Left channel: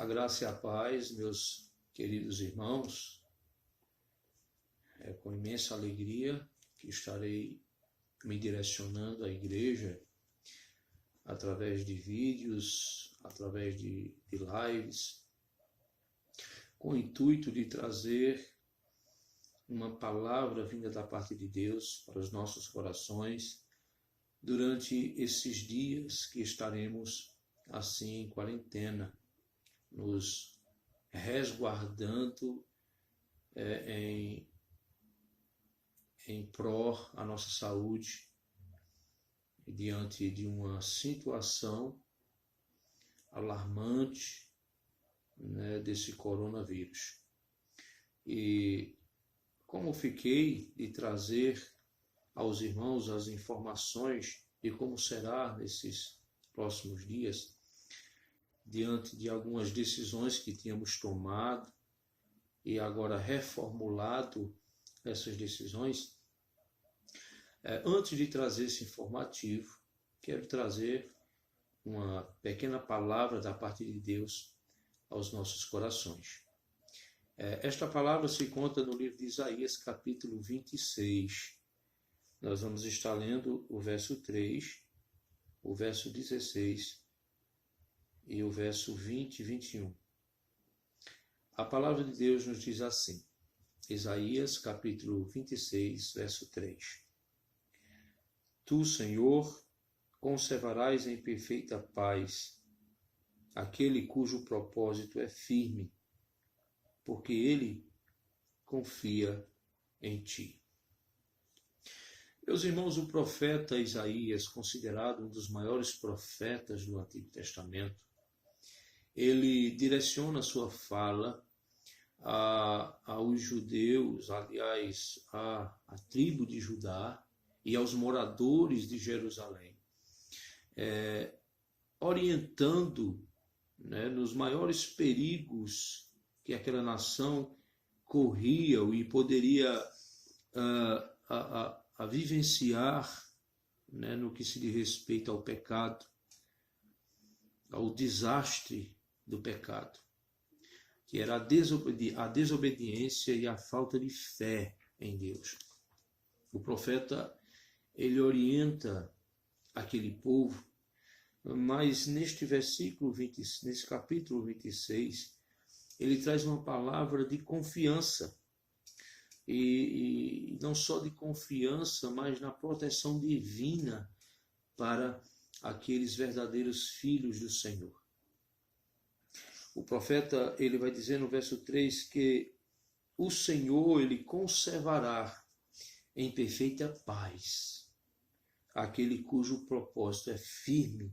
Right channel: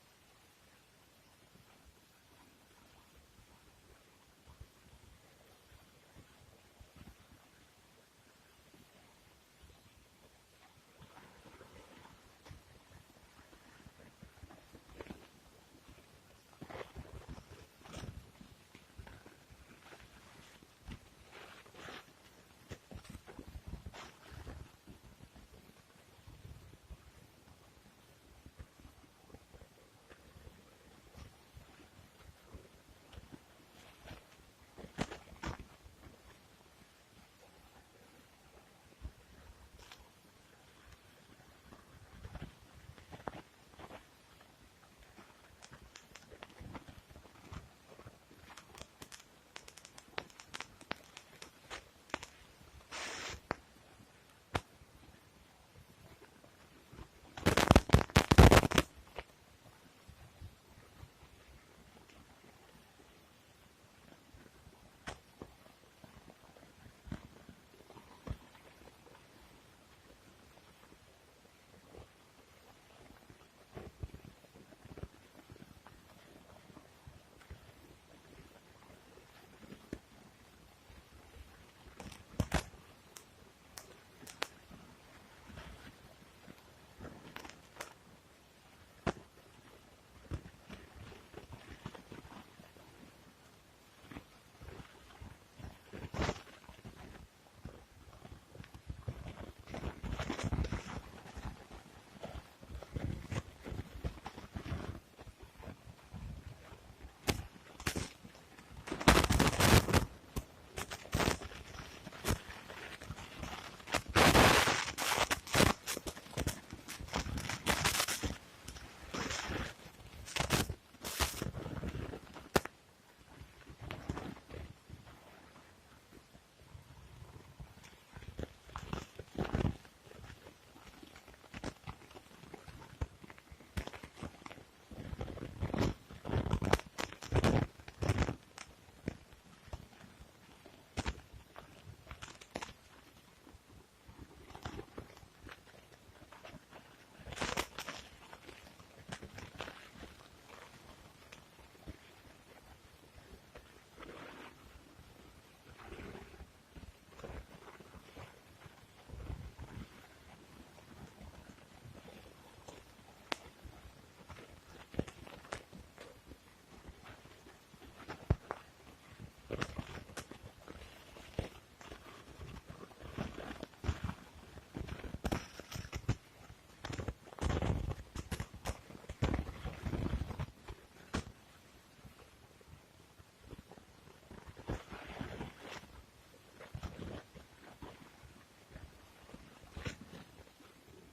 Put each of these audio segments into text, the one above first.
A graça e a paz, meus queridos irmãos, é com imensa alegria que estarei me direcionando à igreja através de vídeos, através de lives, com o intuito de trazer uma palavra vinda da parte de Deus para os nossos corações durante esses dias que estaremos assim em quarentena, nos resguardando em pró à nossa saúde diante de uma situação alarmante, desse coronavírus. E como fiquei de trazer aos irmãos as informações de como será nesses próximos dias, diante de algumas decisões que tínhamos tomado e agora reformulado essas decisões, antes de trazer esse informativo, quero trazer uma pequena palavra da parte de Deus aos nossos corações. Esta palavra se encontra no livro de Isaías, capítulo 26. Nós vamos estar lendo o verso 3, o verso 16 e o verso 20 e 21. A palavra de Deus nos diz assim, Isaías, capítulo 26, verso 3. Tu, Senhor, conservarás em perfeita paz aquele cujo propósito é firme, porque ele confia em ti. Meus irmãos, o profeta Isaías é considerado um dos maiores profetas do Antigo Testamento. Ele direciona a sua fala aos judeus, aliás, à tribo de Judá e aos moradores de Jerusalém, orientando nos maiores perigos que aquela nação corria e poderia a vivenciar, no que se diz respeito ao pecado, ao desastre do pecado, que era a desobediência e a falta de fé em Deus. O profeta, ele orienta aquele povo, mas neste versículo 20, nesse capítulo 26, ele traz uma palavra de confiança, e não só de confiança, mas na proteção divina para aqueles verdadeiros filhos do Senhor. O profeta, ele vai dizer no verso 3 que o Senhor, ele conservará em perfeita paz aquele cujo propósito é firme,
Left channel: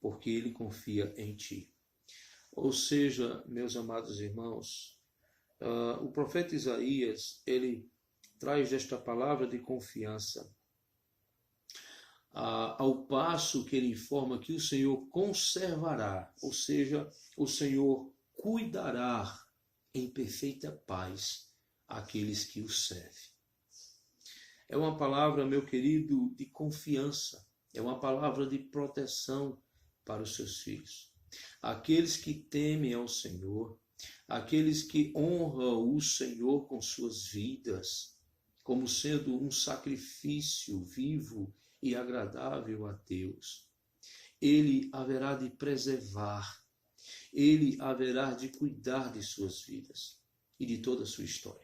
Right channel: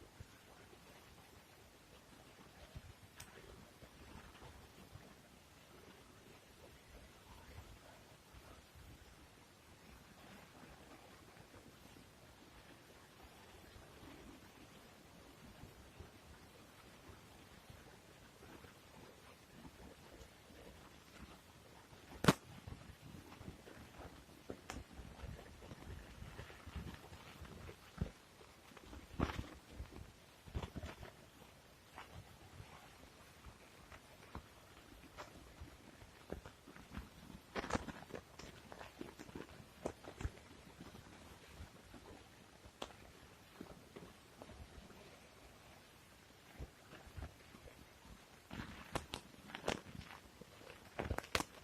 porque ele confia em ti. Ou seja, meus amados irmãos, o profeta Isaías, ele traz esta palavra de confiança, ao passo que ele informa que o Senhor conservará, ou seja, o Senhor cuidará em perfeita paz aqueles que o servem. É uma palavra, meu querido, de confiança, é uma palavra de proteção para os seus filhos. Aqueles que temem ao Senhor, aqueles que honram o Senhor com suas vidas, como sendo um sacrifício vivo e agradável a Deus, ele haverá de preservar, ele haverá de cuidar de suas vidas e de toda a sua história.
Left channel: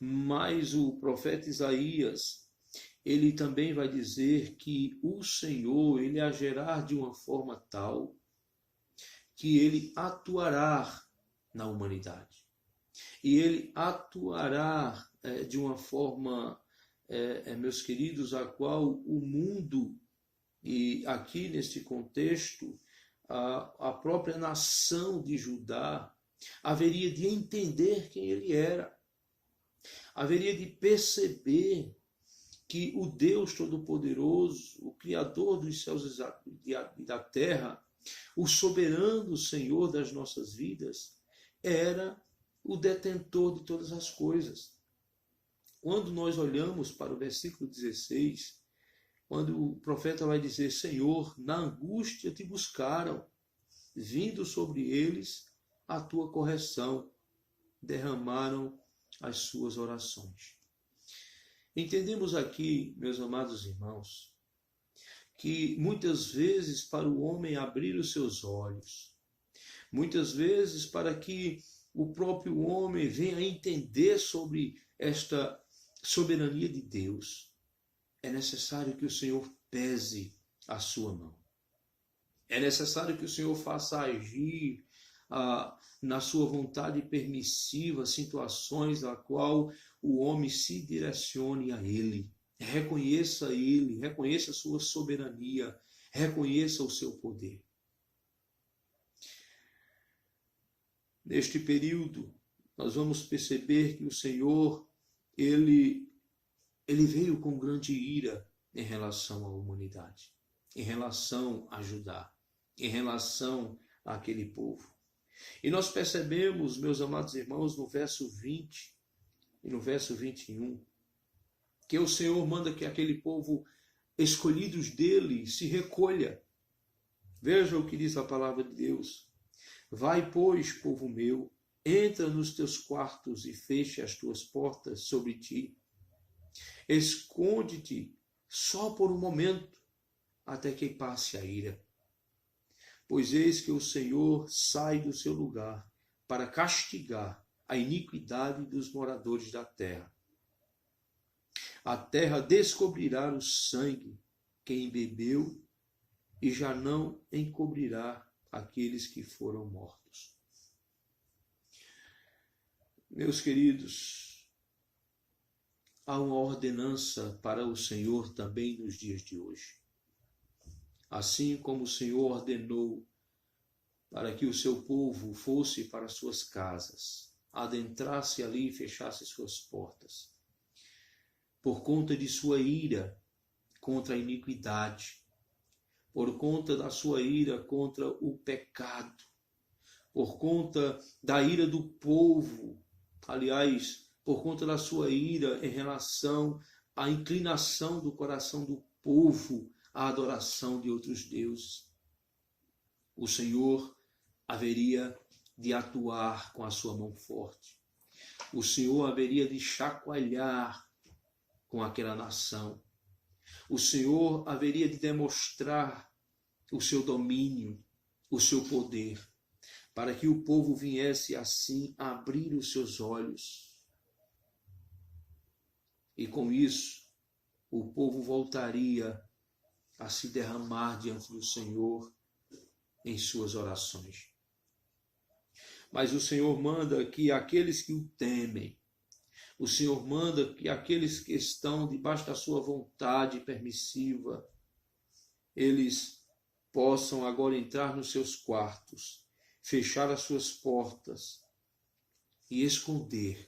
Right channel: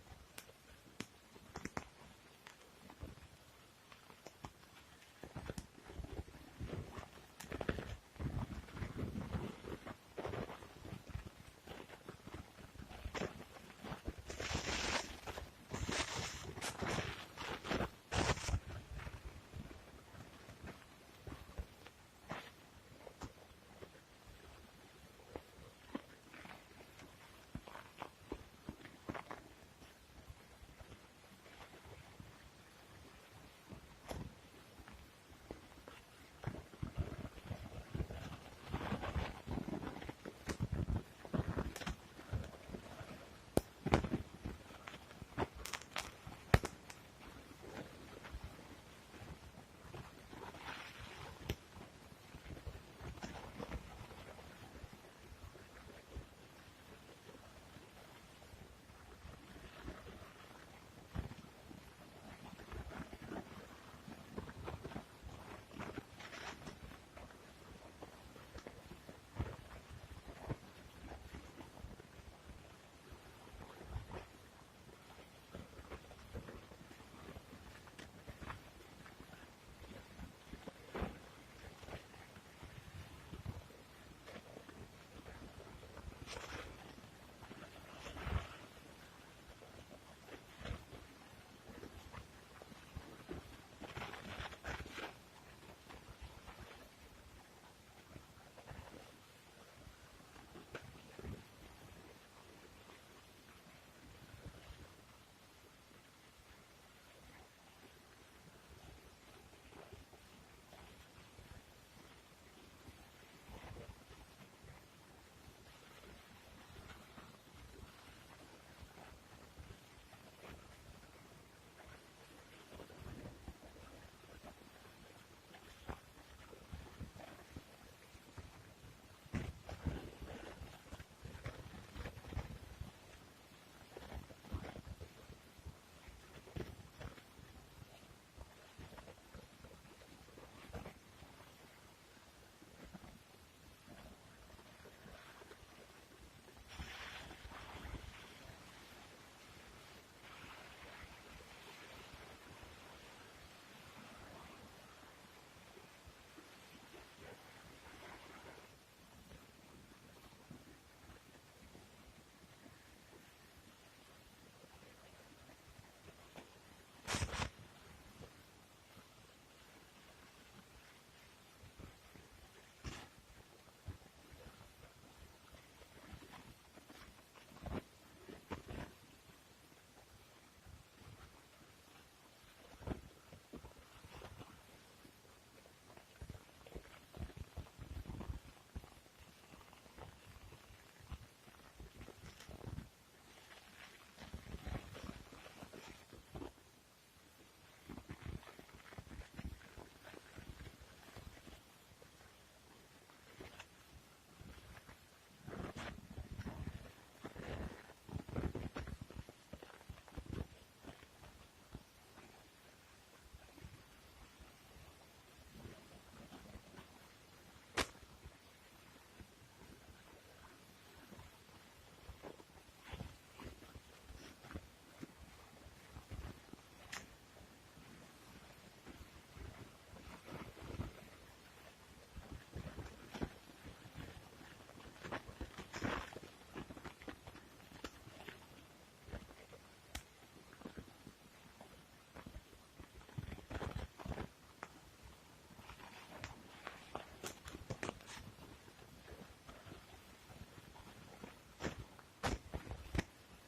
Mas o profeta Isaías, ele também vai dizer que o Senhor, ele agirá de uma forma tal que ele atuará na humanidade. E ele atuará de uma forma, meus queridos, a qual o mundo, e aqui neste contexto, a própria nação de Judá, haveria de entender quem ele era. Haveria de perceber que o Deus Todo-Poderoso, o Criador dos céus e da terra, o soberano Senhor das nossas vidas, era o detentor de todas as coisas. Quando nós olhamos para o versículo 16, quando o profeta vai dizer: Senhor, na angústia te buscaram, vindo sobre eles a tua correção, derramaram as suas orações. Entendemos aqui, meus amados irmãos, que muitas vezes para o homem abrir os seus olhos, muitas vezes para que o próprio homem venha a entender sobre esta soberania de Deus, é necessário que o Senhor pese a sua mão. É necessário que o Senhor faça agir na sua vontade permissiva situações na qual o homem se direcione a Ele. Reconheça Ele, reconheça a sua soberania, reconheça o seu poder. Neste período, nós vamos perceber que o Senhor, Ele veio com grande ira em relação à humanidade, em relação a Judá, em relação àquele povo. E nós percebemos, meus amados irmãos, no verso 20 e no verso 21, que o Senhor manda que aquele povo, escolhidos dele, se recolha. Veja o que diz a palavra de Deus. Vai, pois, povo meu, entra nos teus quartos e fecha as tuas portas sobre ti. Esconde-te só por um momento, até que passe a ira. Pois eis que o Senhor sai do seu lugar para castigar a iniquidade dos moradores da terra. A terra descobrirá o sangue quem bebeu e já não encobrirá aqueles que foram mortos. Meus queridos, há uma ordenança para o Senhor também nos dias de hoje. Assim como o Senhor ordenou para que o seu povo fosse para suas casas, adentrasse ali e fechasse suas portas, por conta de sua ira contra a iniquidade, por conta da sua ira contra o pecado, por conta da ira do povo, aliás, por conta da sua ira em relação à inclinação do coração do povo à adoração de outros deuses. O Senhor haveria de atuar com a sua mão forte. O Senhor haveria de chacoalhar com aquela nação. O Senhor haveria de demonstrar o seu domínio, o seu poder, para que o povo viesse assim a abrir os seus olhos. E com isso, o povo voltaria a se derramar diante do Senhor em suas orações. Mas o Senhor manda que aqueles que o temem, o Senhor manda que aqueles que estão debaixo da sua vontade permissiva, eles possam agora entrar nos seus quartos, fechar as suas portas e esconder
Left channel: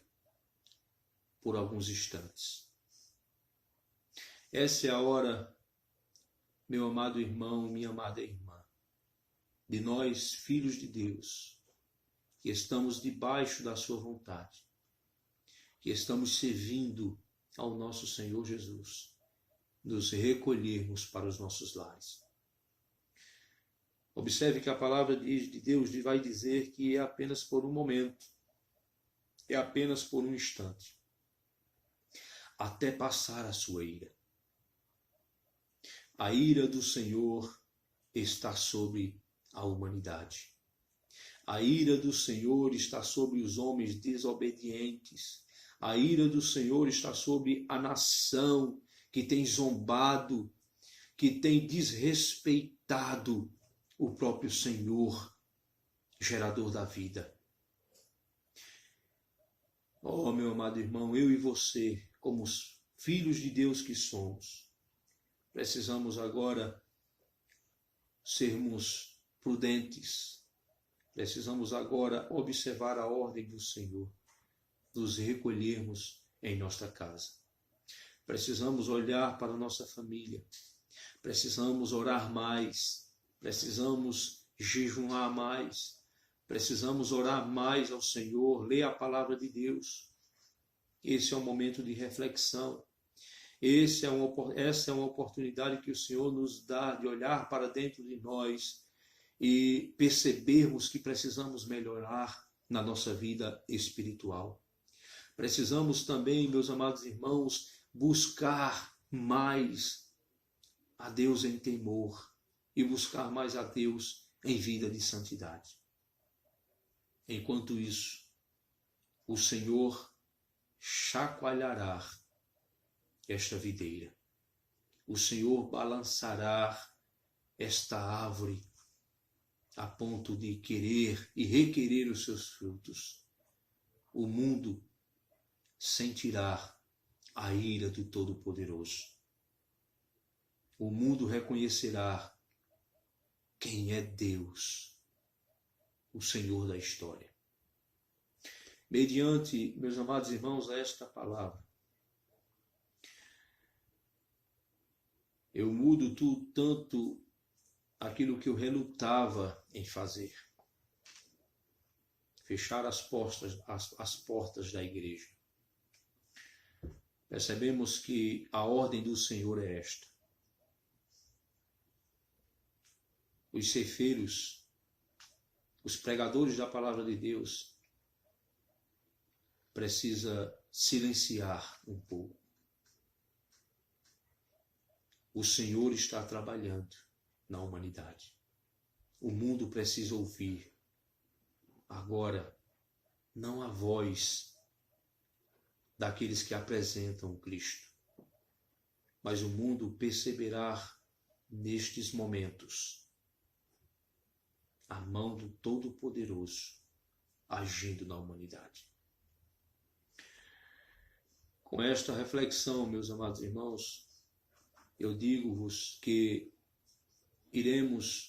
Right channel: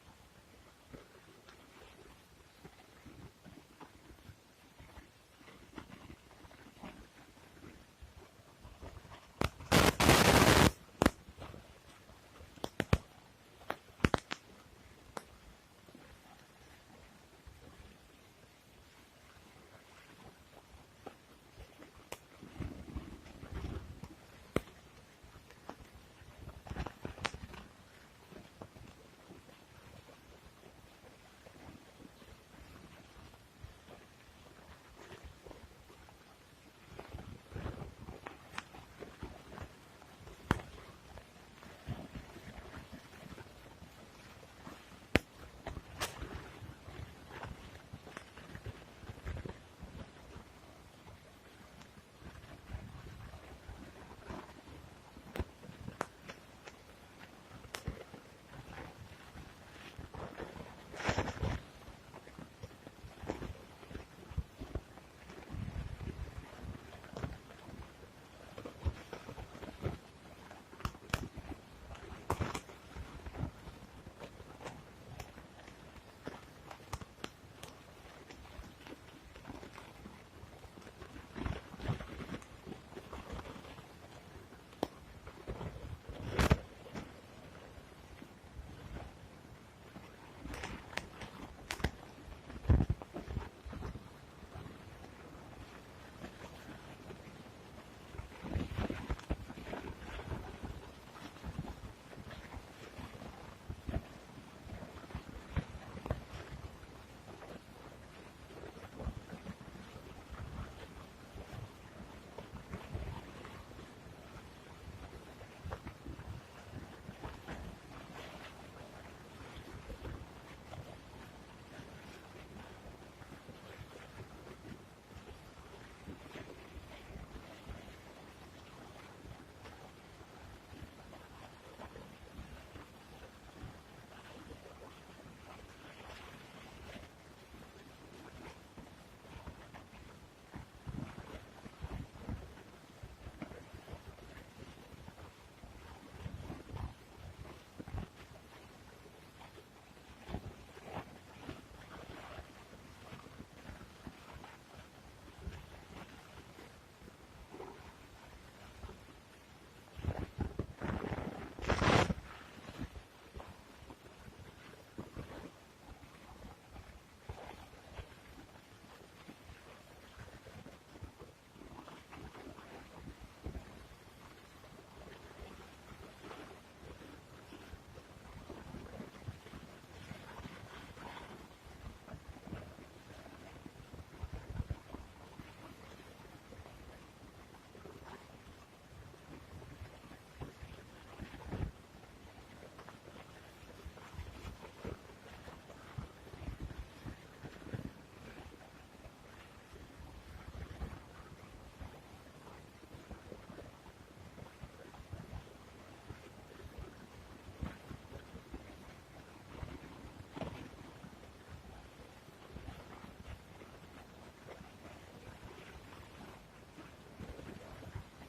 por alguns instantes. Essa é a hora, meu amado irmão, minha amada irmã. Nós, filhos de Deus, que estamos debaixo da sua vontade, que estamos servindo ao nosso Senhor Jesus, nos recolhermos para os nossos lares. Observe que a palavra de Deus vai dizer que é apenas por um momento, é apenas por um instante, até passar a sua ira. A ira do Senhor está sobre a humanidade. A ira do Senhor está sobre os homens desobedientes. A ira do Senhor está sobre a nação que tem zombado, que tem desrespeitado o próprio Senhor, gerador da vida. Oh, meu amado irmão, eu e você, como os filhos de Deus que somos, precisamos agora sermos prudentes. Precisamos agora observar a ordem do Senhor, nos recolhermos em nossa casa. Precisamos olhar para a nossa família. Precisamos orar mais. Precisamos jejuar mais. Precisamos orar mais ao Senhor, ler a palavra de Deus. Esse é um momento de reflexão. Essa é uma oportunidade que o Senhor nos dá de olhar para dentro de nós e percebermos que precisamos melhorar na nossa vida espiritual. Precisamos também, meus amados irmãos, buscar mais a Deus em temor e buscar mais a Deus em vida de santidade. Enquanto isso, o Senhor chacoalhará esta videira. O Senhor balançará esta árvore a ponto de querer e requerer os seus frutos. O mundo sentirá a ira do Todo-Poderoso. O mundo reconhecerá quem é Deus, o Senhor da história. Mediante, meus amados irmãos, esta palavra, eu mudo tanto aquilo que eu relutava em fazer. Fechar as portas da igreja. Percebemos que a ordem do Senhor é esta. Os ceifeiros, os pregadores da palavra de Deus, precisa silenciar um pouco. O Senhor está trabalhando na humanidade. O mundo precisa ouvir. Agora, não a voz daqueles que apresentam Cristo, mas o mundo perceberá nestes momentos a mão do Todo-Poderoso agindo na humanidade. Com esta reflexão, meus amados irmãos, eu digo-vos que iremos,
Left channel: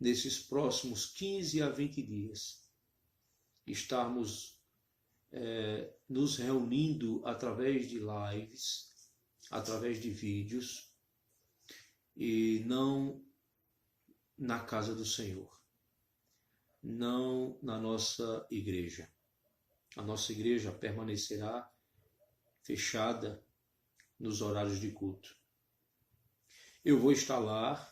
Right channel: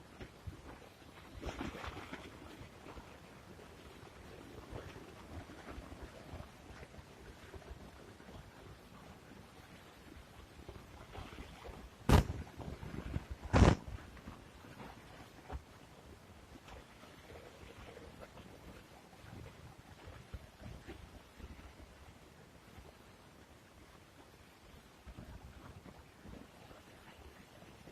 nesses próximos 15 a 20 dias, estarmos nos reunindo através de lives, através de vídeos, e não na casa do Senhor, não na nossa igreja. A nossa igreja permanecerá fechada nos horários de culto. Eu vou estar lá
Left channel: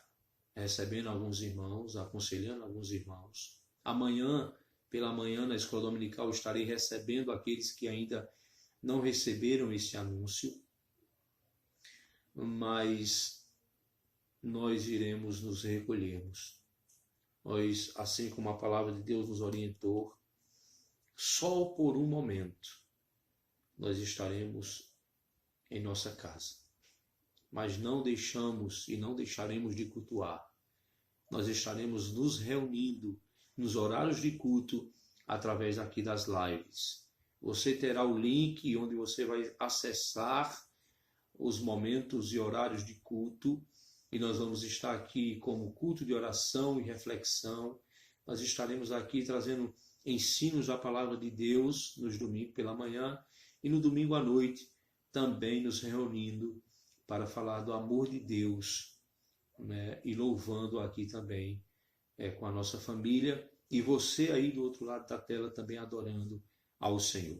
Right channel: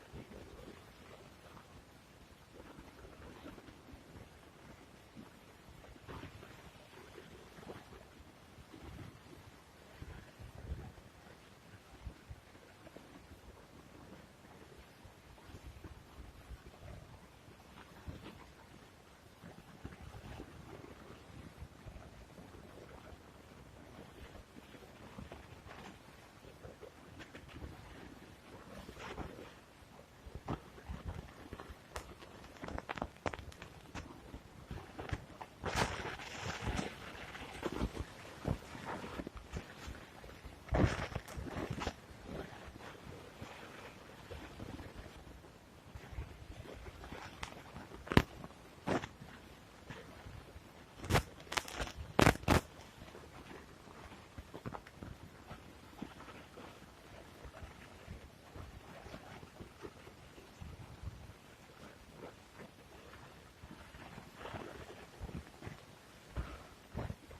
recebendo alguns irmãos, aconselhando alguns irmãos. Amanhã, pela manhã, na escola dominical, estarei recebendo aqueles que ainda não receberam esse anúncio, mas nós iremos nos recolhermos. Nós, assim como a palavra de Deus nos orientou, só por um momento nós estaremos em nossa casa. Mas não deixamos e não deixaremos de cultuar. Nós estaremos nos reunindo nos horários de culto através aqui das lives. Você terá o link onde você vai acessar os momentos e horários de culto, e nós vamos estar aqui como culto de oração e reflexão. Nós estaremos aqui trazendo ensinos da palavra de Deus nos domingos pela manhã e no domingo à noite também nos reunindo para falar do amor de Deus, né, e louvando aqui também com a nossa família, e você aí do outro lado da tela também adorando ao Senhor.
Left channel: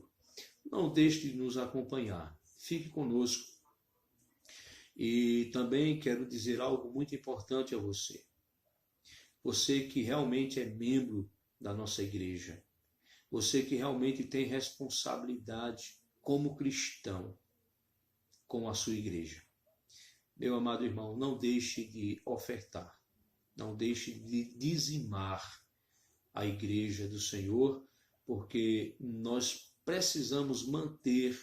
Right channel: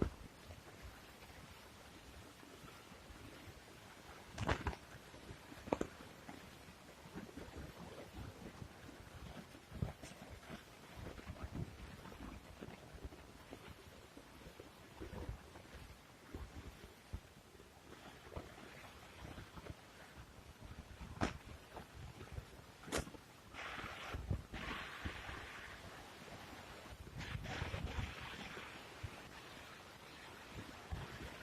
Não deixe de nos acompanhar, fique conosco. E também quero dizer algo muito importante a você. Você que realmente é membro da nossa igreja, você que realmente tem responsabilidade como cristão com a sua igreja. Meu amado irmão, não deixe de ofertar, não deixe de dizimar a igreja do Senhor, porque nós precisamos manter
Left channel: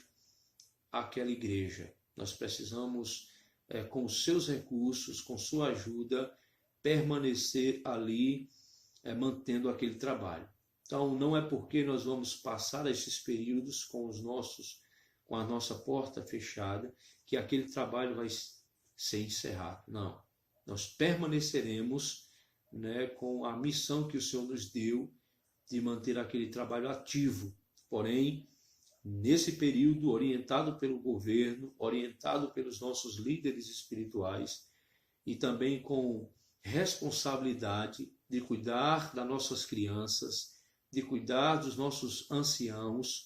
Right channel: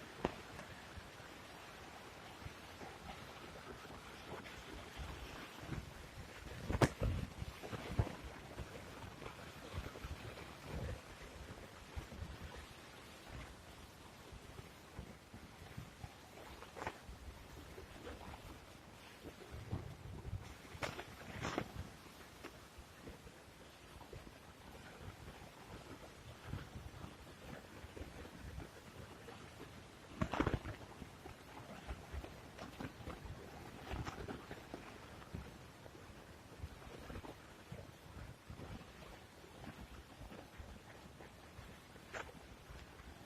aquela igreja. Nós precisamos, com seus recursos, com sua ajuda, permanecer ali, mantendo aquele trabalho. Então, não é porque nós vamos passar esses períodos com a nossa porta fechada, que aquele trabalho vai ser encerrado. Não. Nós permaneceremos, né, com a missão que o Senhor nos deu de manter aquele trabalho ativo. Porém, nesse período, orientado pelo governo, orientado pelos nossos líderes espirituais e também com responsabilidade de cuidar das nossas crianças, de cuidar dos nossos anciãos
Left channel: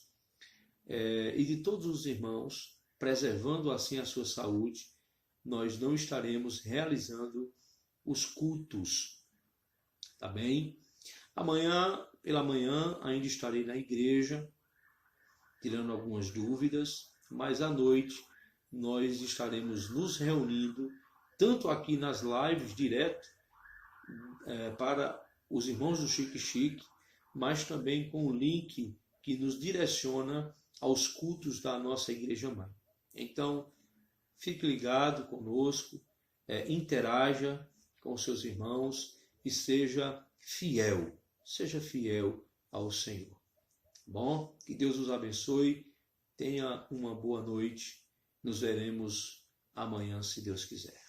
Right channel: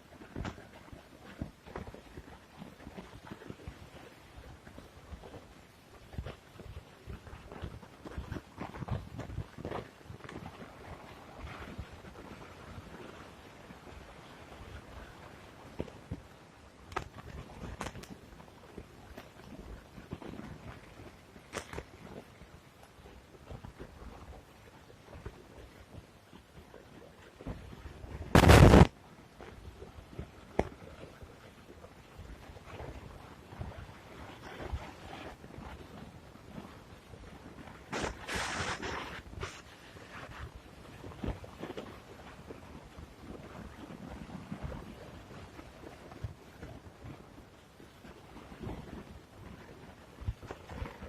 e de todos os irmãos, preservando assim a sua saúde, nós não estaremos realizando os cultos, tá bem? Amanhã, pela manhã, ainda estarei na igreja, tirando algumas dúvidas, mas à noite nós estaremos nos reunindo, tanto aqui nas lives direto, para os irmãos do Chique Chique, mas também com o livro que nos direciona aos cultos da nossa Igreja Mãe. Então, fique ligado conosco, interaja com seus irmãos e seja fiel ao Senhor. Tá bom? Que Deus nos abençoe, tenha uma boa noite, nos veremos amanhã, se Deus quiser.